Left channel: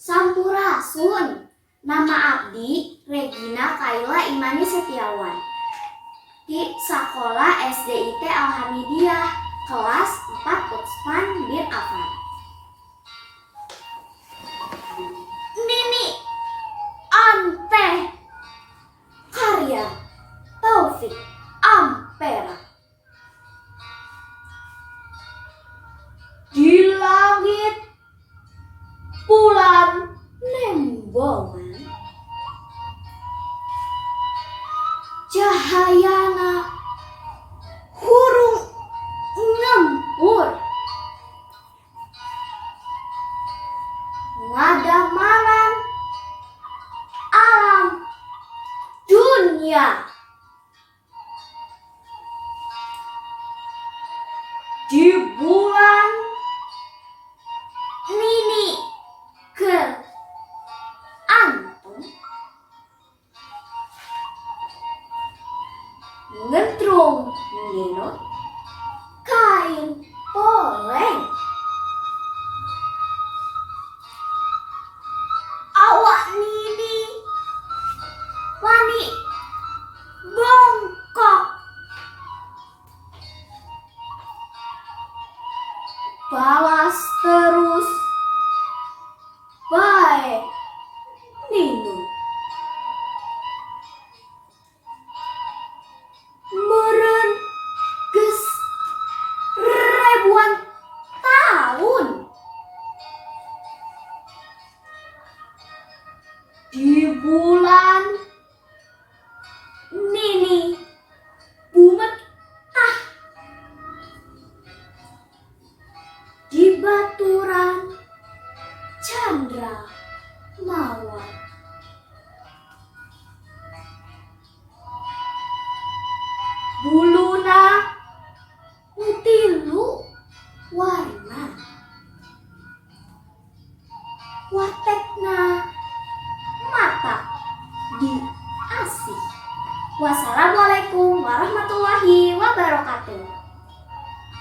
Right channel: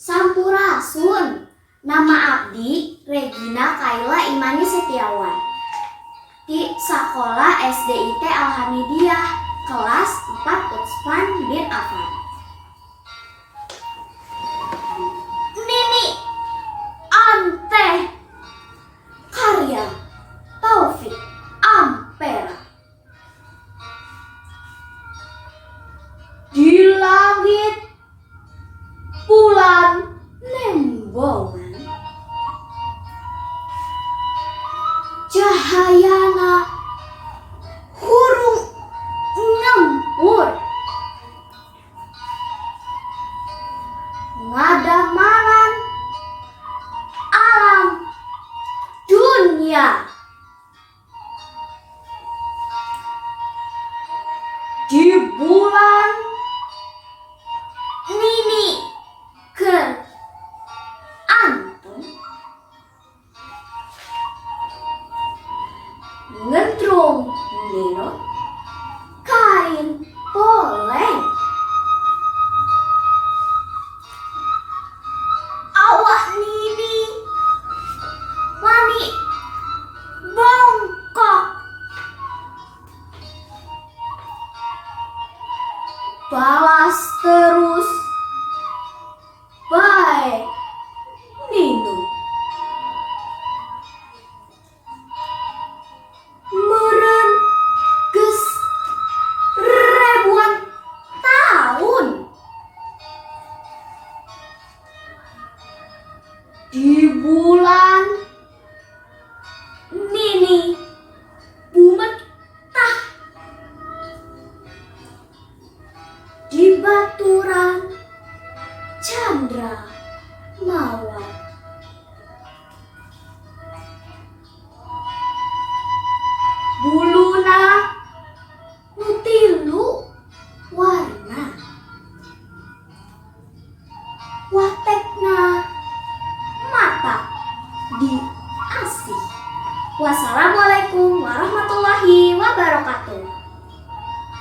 Sampurasun. Nama abdi Regina Kayla Imani Setiawan. Di Sekolah SDIT Al-Hamidiyah, Kelas 4 Utsman bin Affan. Nini Anteh, karya Taufik Ampera. Di langit bulan nembongan, cahayana hurung ngempur, ngadamaran alam dunia. Di bulan Nini Anteh ngentrung ninut kain poleng. Awak Nini wani bongkok, balas terus bae Ninu. Meureun geus ribuan tahun. Di bulan Nini bumetah, di baturan Chandra mawar. Buluna nutilu warna, watekna mata di asih. Wassalamualaikum warahmatullahi wabarakatuh.